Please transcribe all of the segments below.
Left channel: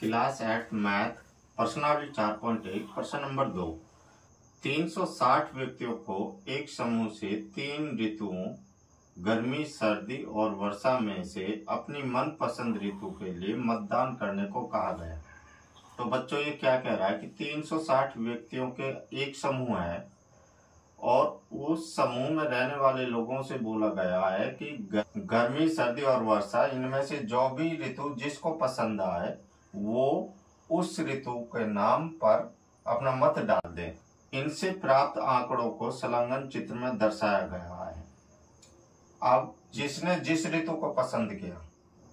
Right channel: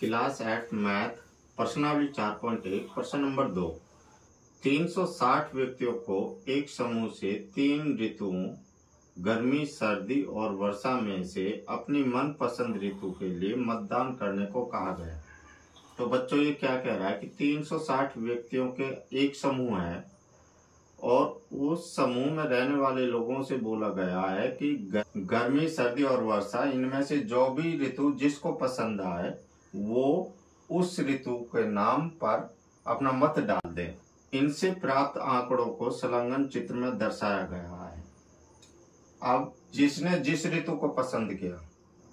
Class 8 math प्रश्नावली 4.1 प्रश्न number 2। 360 व्यक्तियों को एक समूह से 3 ऋतुओं गर्मी, सर्दी और वर्षा में से अपनी मनपसंद ऋतु के लिए मतदान करने को कहा गया। तो बच्चों ये क्या कह रहा है कि 360 व्यक्तियों के एक समूह है और उस समूह में रहने वाले लोगों से बोला गया है कि गर्मी, सर्दी और वर्षा इनमें से जो भी ऋतु जिसको पसंद आए वो उस ऋतु के नाम पर अपना मत डाल दें। इनसे प्राप्त आंकड़ों को संलग्न चित्र में दर्शाया गया है। अब जिसने जिस ऋतु को पसंद किया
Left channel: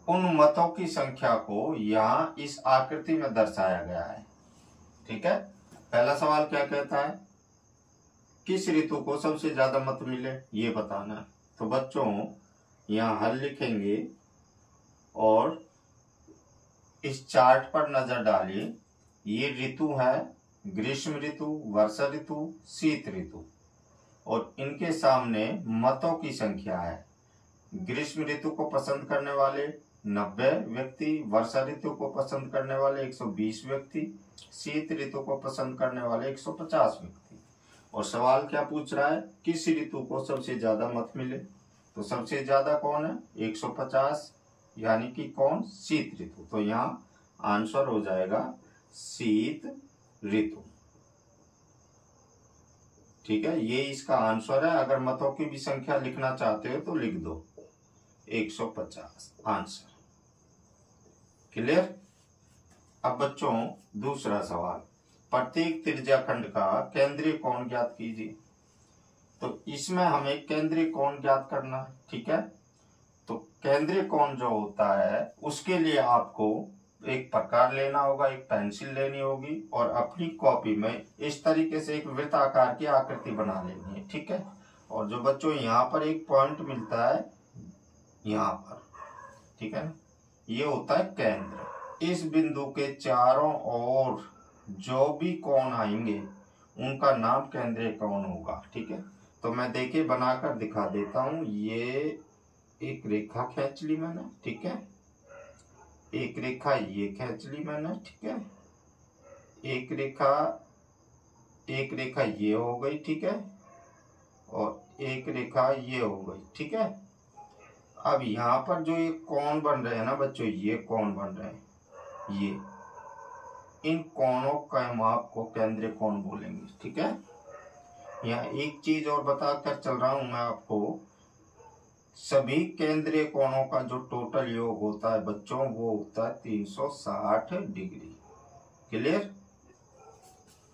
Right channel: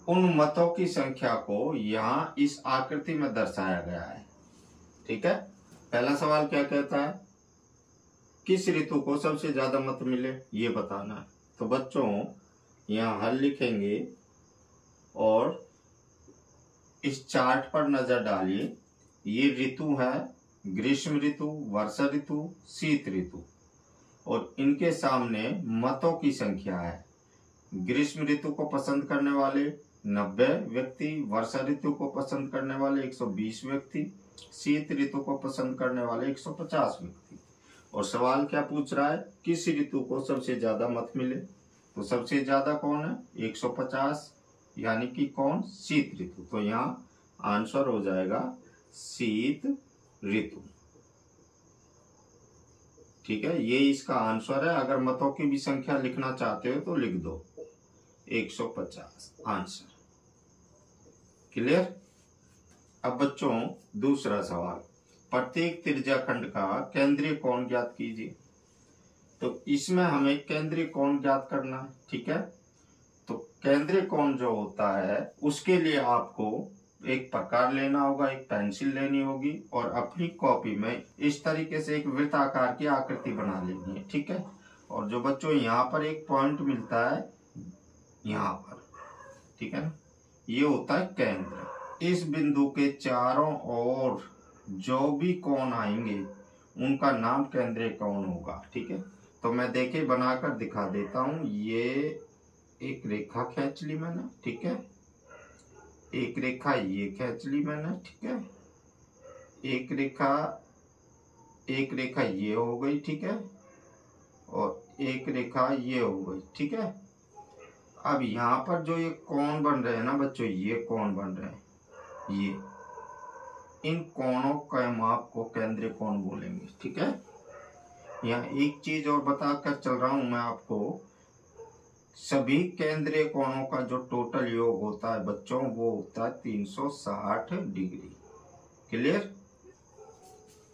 उन मतों की संख्या को यहाँ इस आकृति में दर्शाया गया है। ठीक है, पहला सवाल क्या कहता है, किस ऋतु को सबसे ज्यादा मत मिले ये बताना है। तो बच्चों यहाँ हल लिखेंगे और इस चार्ट पर नजर डालिए। ये ऋतु है ग्रीष्म ऋतु, वर्षा ऋतु, शीत ऋतु और इनके सामने मतों की संख्या है। ग्रीष्म ऋतु को पसंद करने वाले 90 व्यक्ति, वर्षा ऋतु को पसंद करने वाले 120 व्यक्ति, शीत ऋतु को पसंद करने वाले 150 व्यक्ति। और सवाल क्या पूछ रहा है, किस ऋतु को सबसे ज्यादा मत मिले। तो सबसे ज्यादा कौन है, 150, यानी कि कौन, शीत ऋतु। तो यहाँ आंसर हो जाएगा शीत ऋतु। ठीक है, ये इसका आंसर है। अगर मतों की भी संख्या लिखना चाहते हो तो लिख दो 150 आंसर। क्लियर। अब बच्चों दूसरा सवाल, प्रत्येक त्रिज्याखंड का केंद्रीय कोण ज्ञात कीजिए। तो इसमें हमें केंद्रीय कोण ज्ञात करना है। ठीक है, तो केंद्रीय कोण जो होता है उसके लिए आपको एक प्रकार लेना होगा, एक पेंसिल लेनी होगी और अपनी कॉपी में इस तरीके से एक वृत्ताकार की आकृति बना लेनी है। ठीक है, और जो बच्चों यहाँ पर एक पॉइंट मिलता है यहाँ पर, ठीक है ना, ये होता है केंद्र। इस बिंदु के चारों ओर जो भी कोण आएंगे उनका नाम केंद्रीय कोण होगा। ठीक है, तो मैं देखिए बनाकर दिखा देता हूं। ये एक रेखा खींच ली मैंने, ठीक है, एक रेखा ये खींच ली मैंने, ठीक है, एक रेखा ये हो गई, ठीक है, और एक रेखा ये हो गई। ठीक है, अब यहाँ पर जो ये कोण बन रहे हैं ना बच्चों, ये कोण बन रहे हैं, ये इन कोणों का माप को केंद्रीय कोण बोलेंगे। ठीक है, यहाँ एक चीज और बताकर चल रहा हूं मैं आपको, सभी केंद्रीय कोणों का जो टोटल योग होता है बच्चों वो होता है 360 डिग्री। क्लियर।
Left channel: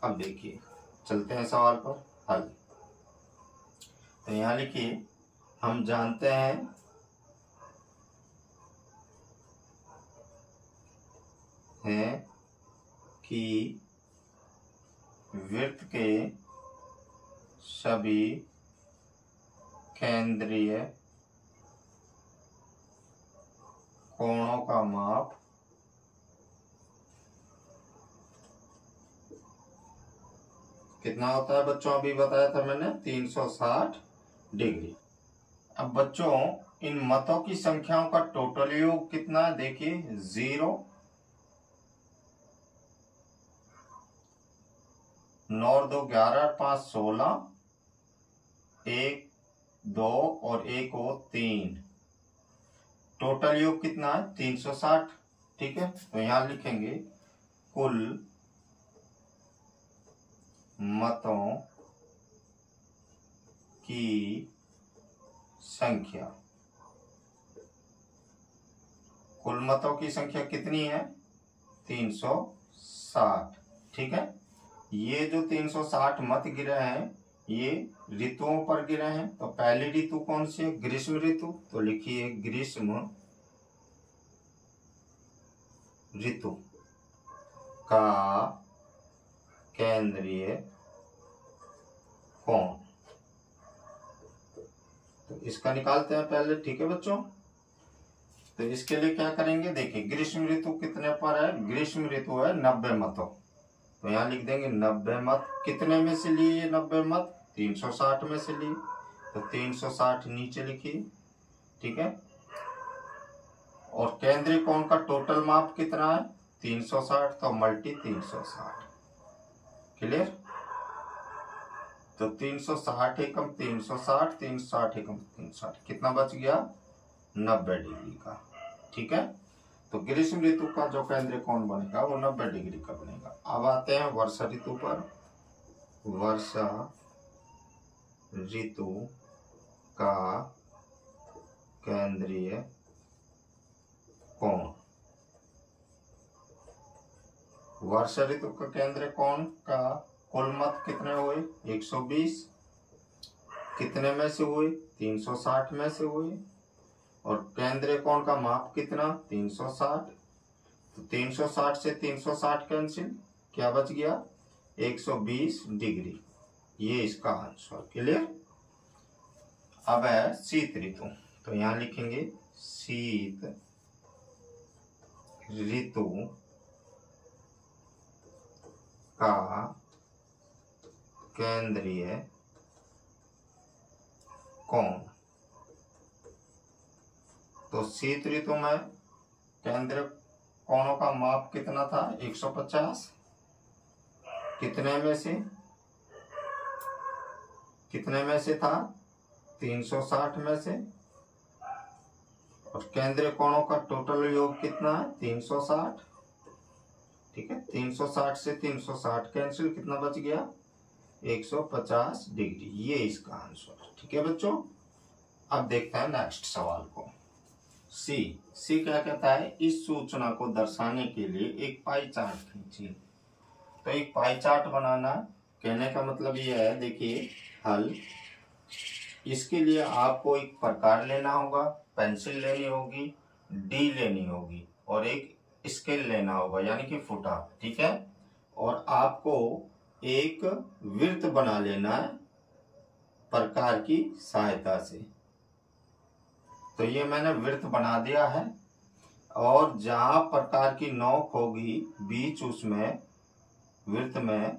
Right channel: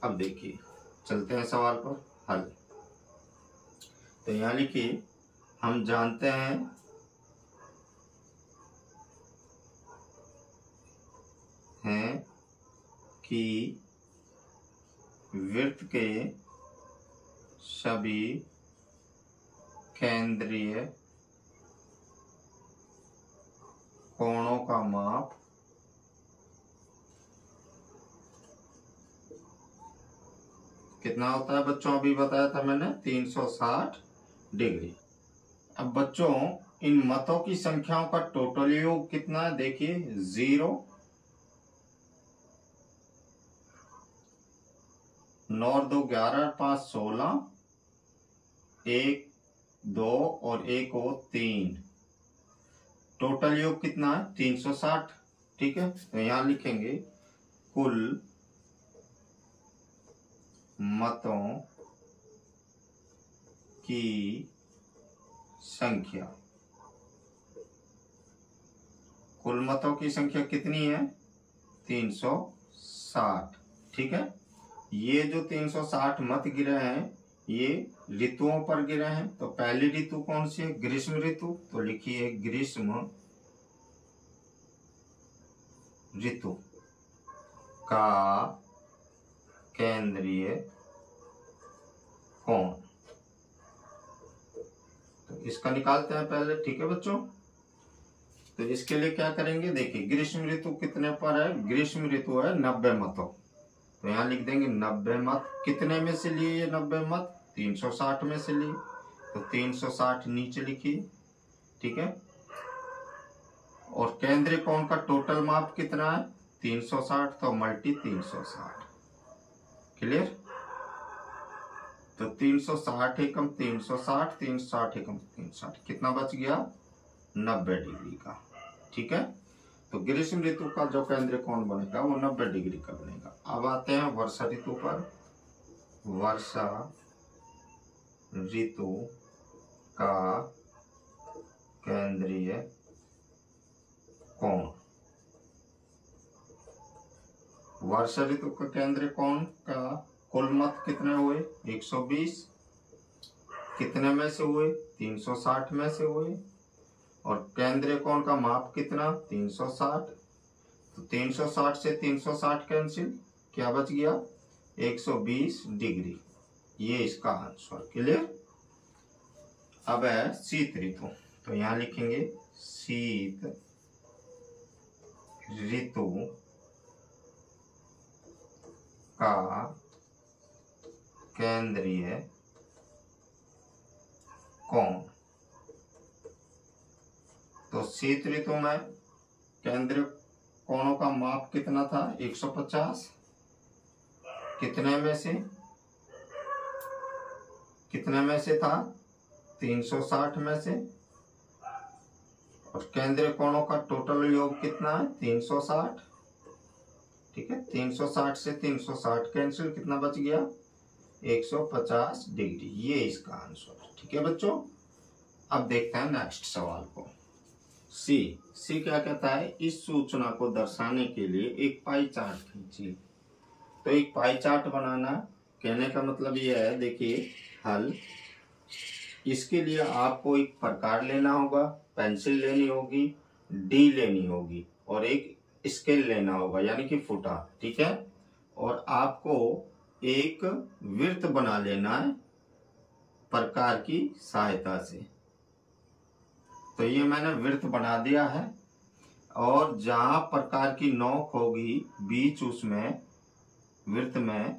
अब देखिए चलते हैं सवाल पर हल। तो यहाँ लिखिए, हम जानते हैं कि वृत्त के सभी केंद्रीय कोणों का माप कितना होता है बच्चों, अभी बताया था मैंने 360 डिग्री। अब बच्चों इन मतों की संख्याओं का टोटल योग कितना, देखिए 0, 9 और 2 11, 5 16, 1 2 और 1 और 3, टोटल योग कितना है 360। ठीक है, तो यहां लिखेंगे कुल मतों की संख्या। कुल मतों की संख्या कितनी है, 360। ठीक है, ये जो 360 मत गिरे हैं ये ऋतुओं पर गिरे हैं। तो पहली ऋतु कौन सी है, ग्रीष्म ऋतु। तो लिखिए ग्रीष्म ऋतु का केंद्रीय कोण। तो इसका निकालते हैं पहले। ठीक है बच्चों, तो इसके लिए क्या करेंगे, देखिए ग्रीष्म ऋतु कितने पर है, ग्रीष्म ऋतु है 90 मतों। तो यहाँ लिख देंगे 90 मत। कितने में से लिए ये 90 मत, 360 में से लिए। तो 360 नीचे लिखिए। ठीक है, और केंद्रीय कोण का टोटल माप कितना है, 360 तो मल्टी 360, क्लियर। तो 360 एकम 360, 360 एकम 360, कितना बच गया 90 डिग्री का, ठीक है। तो ग्रीष्म ऋतु का जो केंद्रीय कोण बनेगा वो 90 डिग्री का बनेगा। अब आते हैं वर्षा ऋतु पर। वर्षा ऋतु का केंद्रीय कोण, वर्षा ऋतु का केंद्रीय कोण का कुल मत कितने हुए 120, कितने में से हुए 360 में से हुए, और केंद्रीय कोण का माप कितना 360, तो 360 से 360 कैंसिल, क्या बच गया 120 डिग्री, ये इसका आंसर, क्लियर। अब है शीत ऋतु, तो यहां लिखेंगे शीत ऋतु का केंद्रीय कोण। तो शीत ऋतु में केंद्रीय कोणों का माप कितना था 150, कितने में से था 360 में से, और केंद्रीय कोणों का टोटल योग कितना है 360, ठीक है। 360 से 360 कैंसिल, कितना बच गया 150 डिग्री, ये इसका आंसर, ठीक है बच्चों। अब देखते हैं नेक्स्ट सवाल को। सी क्या कहता है, इस सूचना को दर्शाने के लिए एक पाई चार्ट खींचिए। तो एक पाई चार्ट बनाना, कहने का मतलब ये है, देखिए हल, इसके लिए आपको एक प्रकार लेना होगा, पेंसिल लेनी होगी, डी लेनी होगी, और एक स्केल लेना होगा यानी कि फुटा, ठीक है। और आपको एक वृत्त बना लेना है प्रकार की सहायता से। तो ये मैंने वृत्त बना दिया है, और जहां प्रकार की नोक होगी बीच उसमें वृत्त में,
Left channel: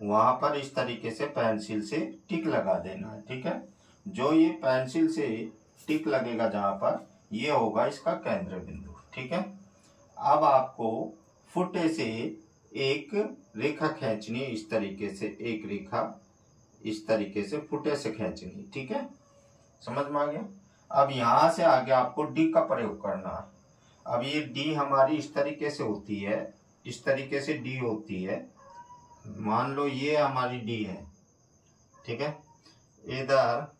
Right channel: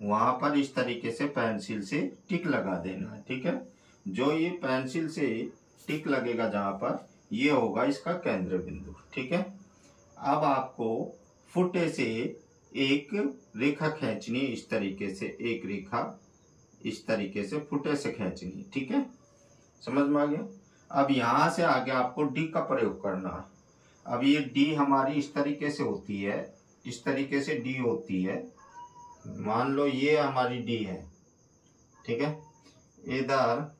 वहां पर इस तरीके से पेंसिल से टिक लगा देना है, ठीक है। जो ये पेंसिल से टिक लगेगा जहां पर, ये होगा इसका केंद्र बिंदु, ठीक है। अब आपको फुटे से एक रेखा खींचनी, इस तरीके से एक रेखा इस तरीके से फुटे से खींचनी, ठीक है, समझ में आ गया। अब यहां से आगे आपको डी का प्रयोग करना है। अब ये डी हमारी इस तरीके से होती है, इस तरीके से डी होती है, मान लो ये हमारी डी है, ठीक है। इधर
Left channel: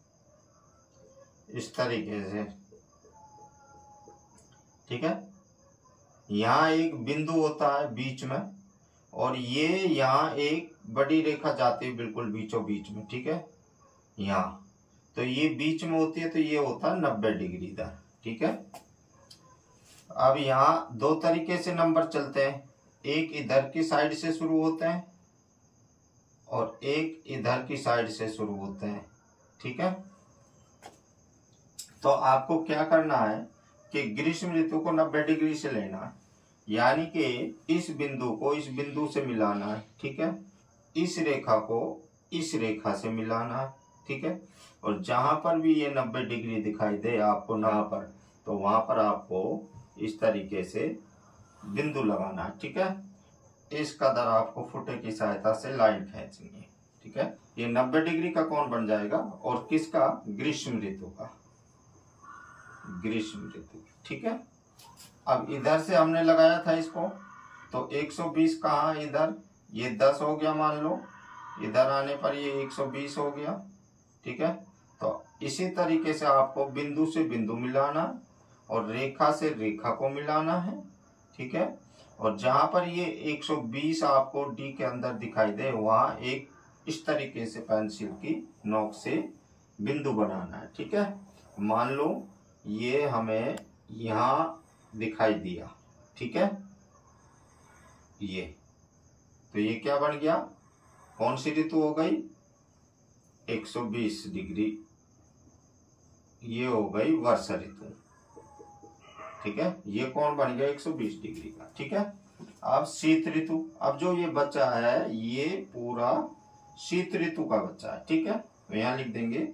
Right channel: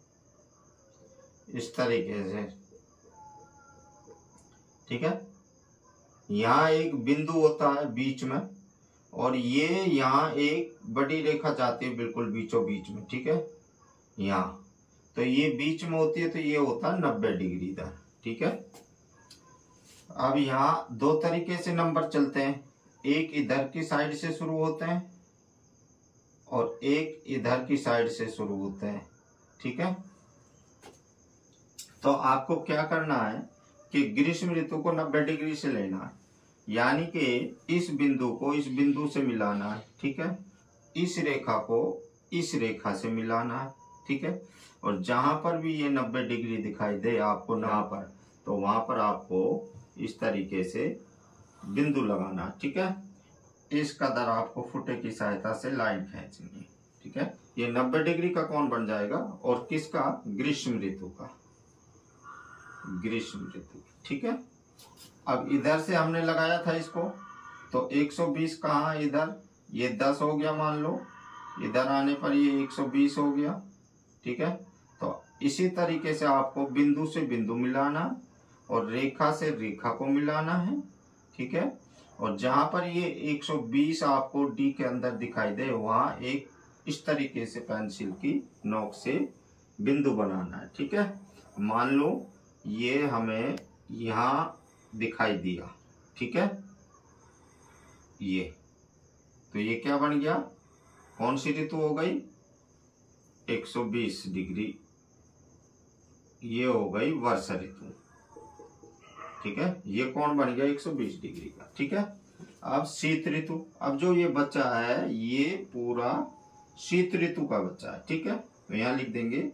इस तरीके से, ठीक है। यहाँ एक बिंदु होता है बीच में, और ये यहाँ एक बड़ी रेखा जाती है बिल्कुल बीचों बीच में, ठीक है। यहाँ तो ये बीच में होती है, तो ये होता है 90 डिग्री इधर, ठीक है। अब यहाँ दो तरीके से नंबर चलते हैं, एक इधर की साइड से शुरू होते हैं और एक इधर की साइड से शुरू होते हैं, ठीक है। तो आपको क्या करना है कि ग्रीष्म ऋतु को 90 डिग्री से लेना है, यानी कि इस बिंदु को इस बिंदु से मिलाना है, ठीक है। इस रेखा को इस रेखा से मिलाना है, ठीक है। और जहां पर भी ये 90 डिग्री दिखाई दे आपको यहाँ पर, तो वहां पर आपको इस तरीके से बिंदु लगाना है, ठीक है। इस कदर आपको फुटे की सहायता से लाइन खींचनी है, ठीक है। ये 90 डिग्री का कोण बन जाएगा, और किसका, ग्रीष्म ऋतु का, ग्रीष्म ऋतु, ठीक है। अब इधर से हमने लगाया था इसको, तो 120 कहाँ, इधर ये 10 हो गया मान लो, इधर आने पर ये 120 हो गया, ठीक है। तो इसी तरीके से आपको बिंदु से बिंदु मिलाना और रेखा से रेखा को मिलाना है, ठीक है। और जहां पर ये 120 आपको डी के अंदर दिखाई दे, वहां एक इस तरीके से पेंसिल की नोक से बिंदु बनाना है, ठीक है। मान लो ये हमें यहाँ दिखाई दिया, ठीक है, ये, तो ये क्या बन गया, कौन सी ऋतु हो गई 120 डिग्री, ये हो गई वर्षा ऋतु, ठीक है। ये कौन बन गया 120 डिग्री का, ठीक है। अब शीत ऋतु, अब जो ये बच्चा है ये पूरा शीत ऋतु का बच्चा है, ठीक है। तो यहां लिख देंगे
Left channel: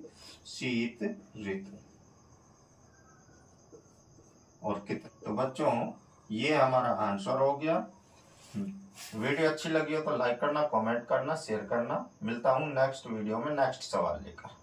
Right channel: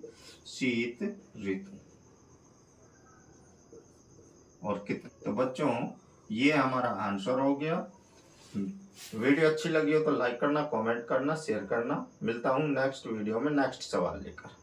शीत ऋतु। और कितने, तो बच्चों ये हमारा आंसर हो गया। वीडियो अच्छी लगी हो तो लाइक करना, कमेंट करना, शेयर करना। मिलता हूँ नेक्स्ट वीडियो में नेक्स्ट सवाल लेकर।